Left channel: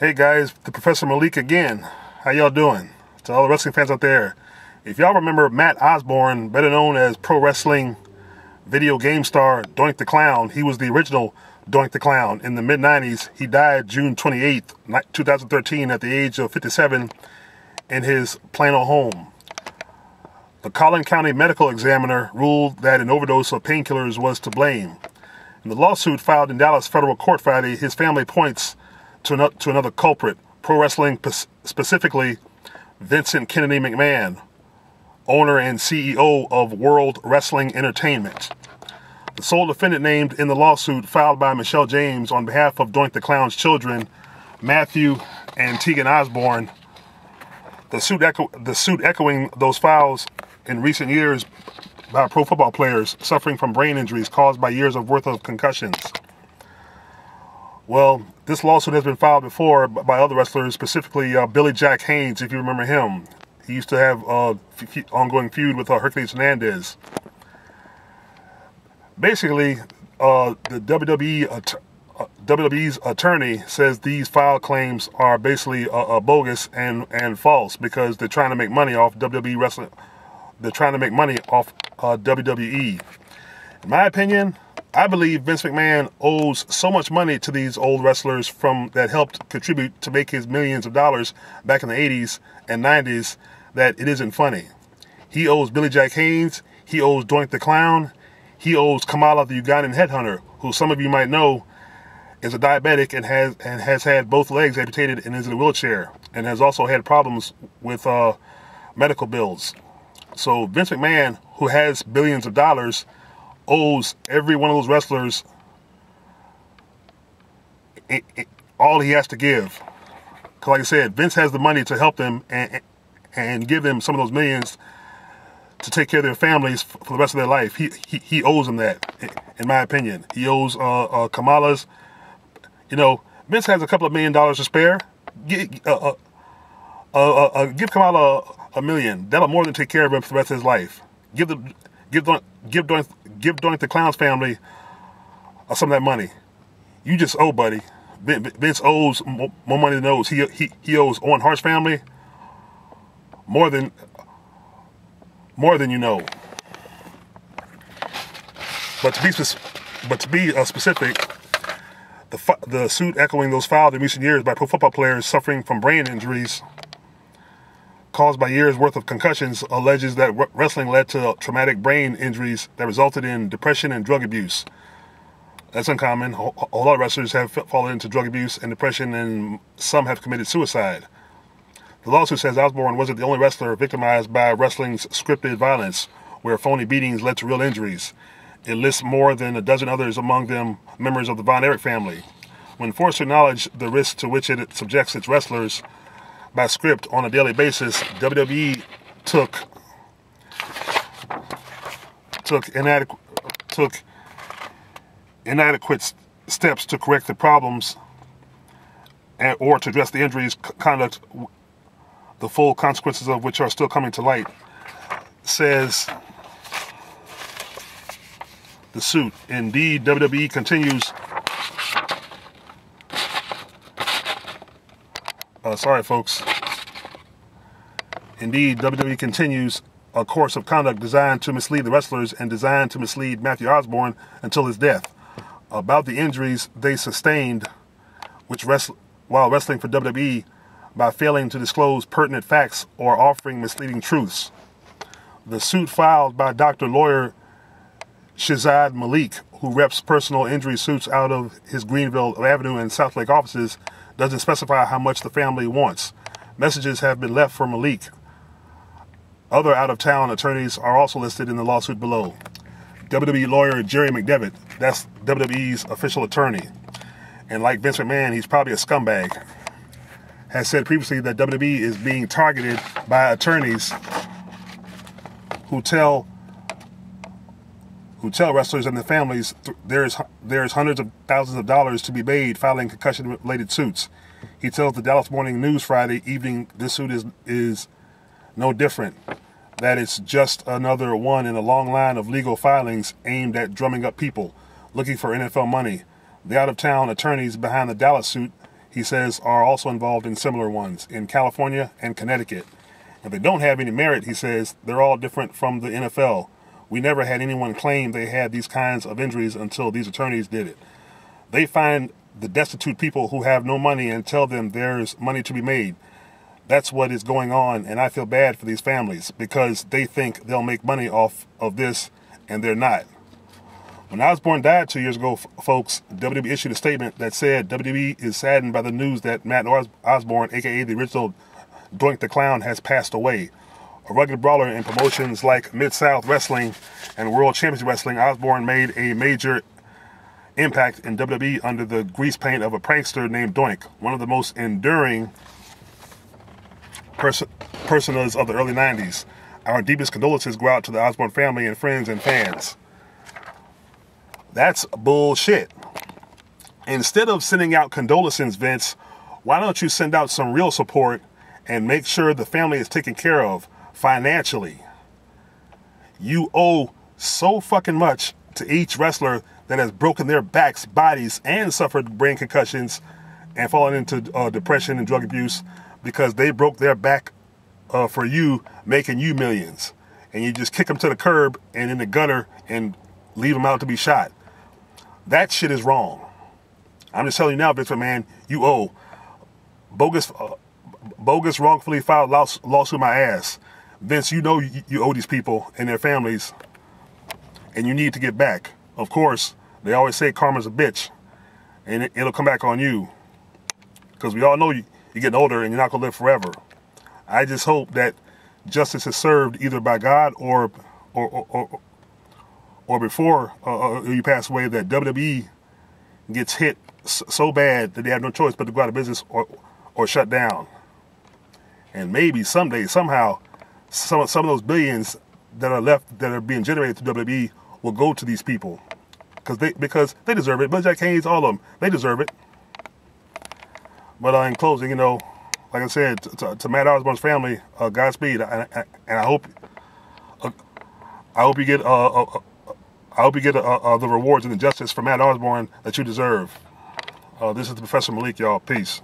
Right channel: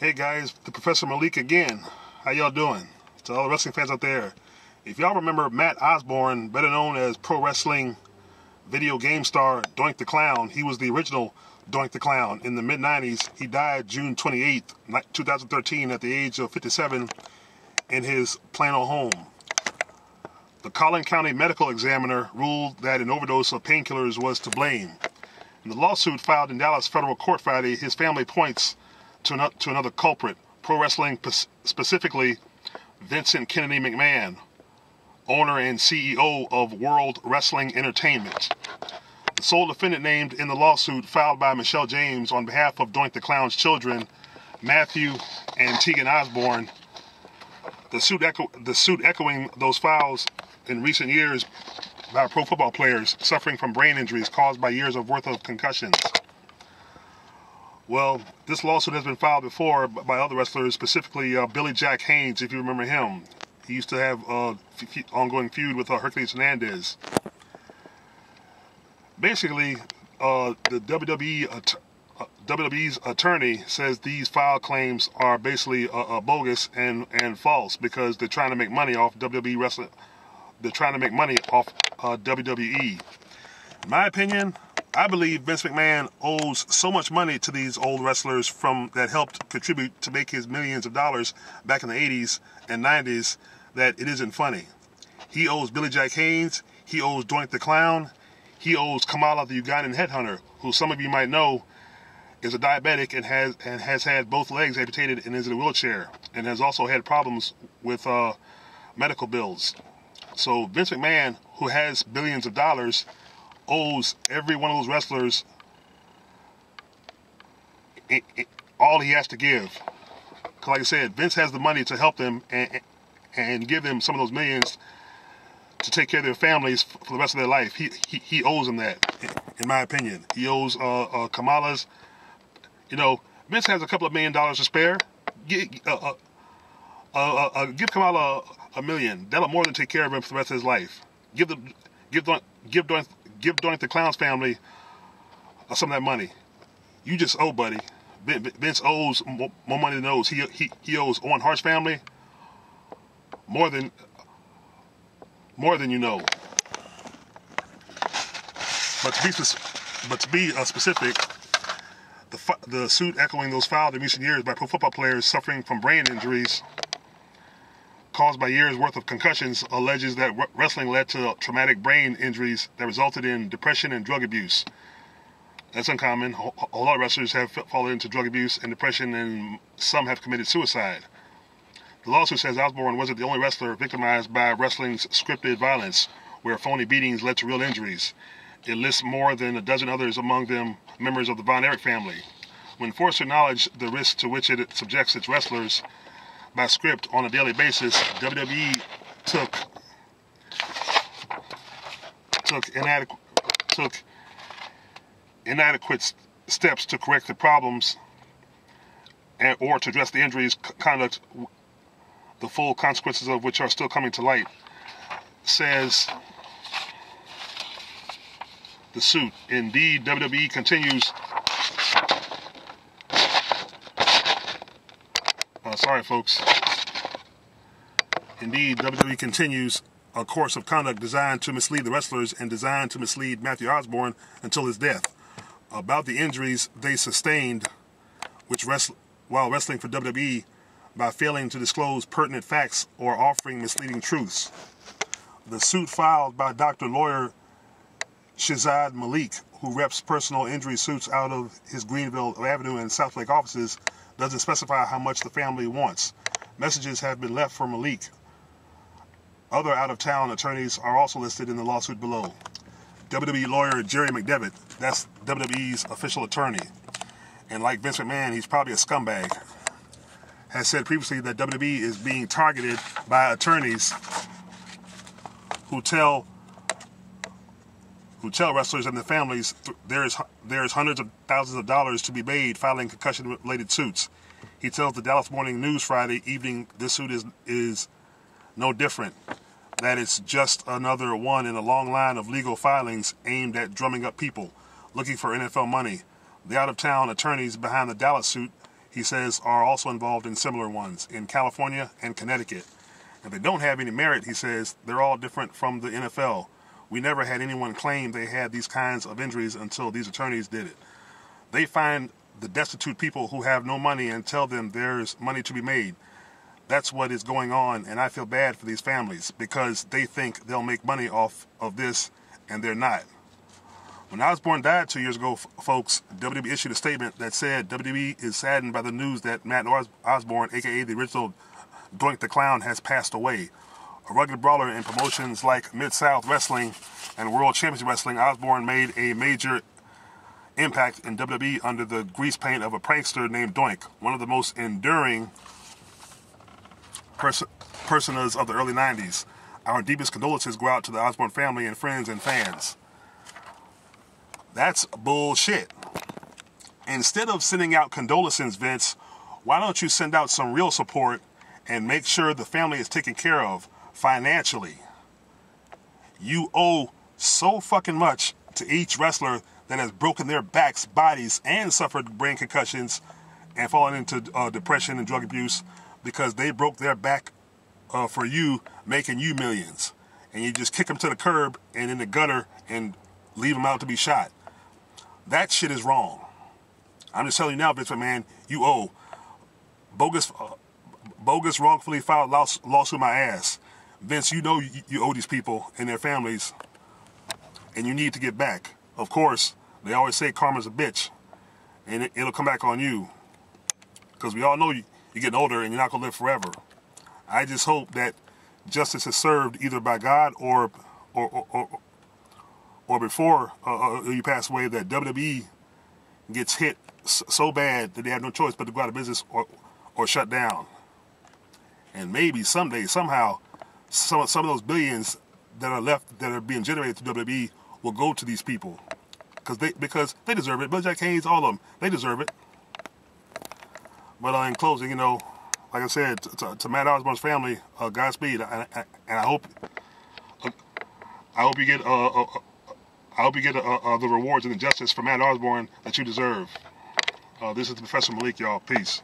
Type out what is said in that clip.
Hey guys, the Professor Malik again. How y'all doing? To all the wrestling fans out there, if y'all remember Matt Osborne, better known as pro wrestling video game star Doink the Clown, he was the original Doink the Clown. In the mid-90s, he died June 28th, 2013 at the age of 57 in his Plano home. The Collin County Medical Examiner ruled that an overdose of painkillers was to blame. In the lawsuit filed in Dallas federal court Friday, his family points to another culprit, pro wrestling, specifically Vincent Kennedy McMahon, owner and CEO of World Wrestling Entertainment. The sole defendant named in the lawsuit filed by Michelle James on behalf of Doink the Clown's children, Matthew and Tegan Osborne. The suit echoing those files in recent years by pro football players suffering from brain injuries caused by years of worth of concussions. Well, this lawsuit has been filed before by other wrestlers, specifically Billy Jack Haynes, if you remember him. He used to have ongoing feud with Hercules Hernandez. Basically, the WWE's attorney says these filed claims are basically bogus and false because they're trying to make money off WWE wrestling. They're trying to make money off WWE. In my opinion, I believe Vince McMahon owes so much money to these old wrestlers that helped contribute to make his millions of dollars back in the 80s and 90s that it isn't funny. He owes Billy Jack Haynes, he owes Doink the Clown, he owes Kamala the Ugandan headhunter, who some of you might know is a diabetic and has had both legs amputated and is in a wheelchair and has also had problems with medical bills. So Vince McMahon, who has billions of dollars, owes every one of those wrestlers all he has to give. Because like I said, Vince has the money to help them and give them some of those millions to take care of their families for the rest of their life. He owes them that, in my opinion. He owes Kamala's. You know, Vince has a couple of $1 million to spare. Give Kamala $1 million. That'll more than take care of him for the rest of his life. Give Doink the Clown's family some of that money. You just owe, buddy. Vince owes more money than owes. He owes Owen Hart's family more than you know. But to be specific, the suit echoing those filed in recent years by pro football players suffering from brain injuries caused by years' worth of concussions alleges that wrestling led to traumatic brain injuries that resulted in depression and drug abuse. That's uncommon. A lot of wrestlers have fallen into drug abuse and depression, and some have committed suicide. The lawsuit says Osborne wasn't the only wrestler victimized by wrestling's scripted violence, where phony beatings led to real injuries. It lists more than a dozen others, among them members of the Von Erich family. When forced to acknowledge the risks to which it subjects its wrestlers by script on a daily basis, WWE took inadequate steps to correct the problems or to address the injuries, conduct, the full consequences of which are still coming to light, says the suit. Indeed, WWE continues. Sorry, folks. Indeed, WWE continues a course of conduct designed to mislead the wrestlers and designed to mislead Matthew Osborne until his death about the injuries they sustained while wrestling for WWE by failing to disclose pertinent facts or offering misleading truths. The suit filed by Dr. Lawyer Shazad Malik, who reps personal injury suits out of his Greenville Avenue and South Lake offices, doesn't specify how much the family wants. Messages have been left for Malik. Other out-of-town attorneys are also listed in the lawsuit below. WWE lawyer Jerry McDevitt, that's WWE's official attorney, and like Vince McMahon, he's probably a scumbag, has said previously that WWE is being targeted by attorneys who tell wrestlers and their families there's hundreds of thousands of dollars to be made filing concussion-related suits. He tells the Dallas Morning News Friday evening this suit is no different, that it's just another one in a long line of legal filings aimed at drumming up people looking for NFL money. The out-of-town attorneys behind the Dallas suit he says, are also involved in similar ones in California and Connecticut. If they don't have any merit, he says, they're all different from the NFL. We never had anyone claim they had these kinds of injuries until these attorneys did it. They find the destitute people who have no money and tell them there's money to be made. That's what is going on, and I feel bad for these families because they think they'll make money off of this, and they're not. When Osborne died 2 years ago, folks, WWE issued a statement that said WWE is saddened by the news that Matt Osborne, a.k.a. the original Doink the Clown, has passed away. A rugged brawler in promotions like Mid-South Wrestling and World Championship Wrestling, Osborne made a major impact in WWE under the grease paint of a prankster named Doink, one of the most enduring personas of the early 90s. Our deepest condolences go out to the Osborne family and friends and fans. That's bullshit. Instead of sending out condolences, Vince, why don't you send out some real support and make sure the family is taken care of financially? You owe so fucking much to each wrestler that has broken their backs, bodies, and suffered brain concussions and fallen into depression and drug abuse because they broke their back for you, making you millions. And you just kick them to the curb and in the gutter and leave them out to be shot. That shit is wrong. I'm just telling you now, Vince McMahon, you owe. Bogus, wrongfully filed lawsuit my ass. Vince, you know you owe these people and their families, and you need to get back. Of course, they always say karma's a bitch, and it'll come back on you. Because we all know you're getting older and you're not going to live forever. I just hope that justice is served either by God or before you pass away, that WWE gets hit so bad that they have no choice but to go out of business or shut down. And maybe someday, somehow, some of those billions that are left, that are being generated through WWE, will go to these people. Because they deserve it. Bill Jack Haynes, all of them, they deserve it. But in closing, like I said, to Matt Osborne's family, Godspeed, and I hope you get the rewards and the justice for Matt Osborne that you deserve. This is the Professor Malik, y'all. Peace.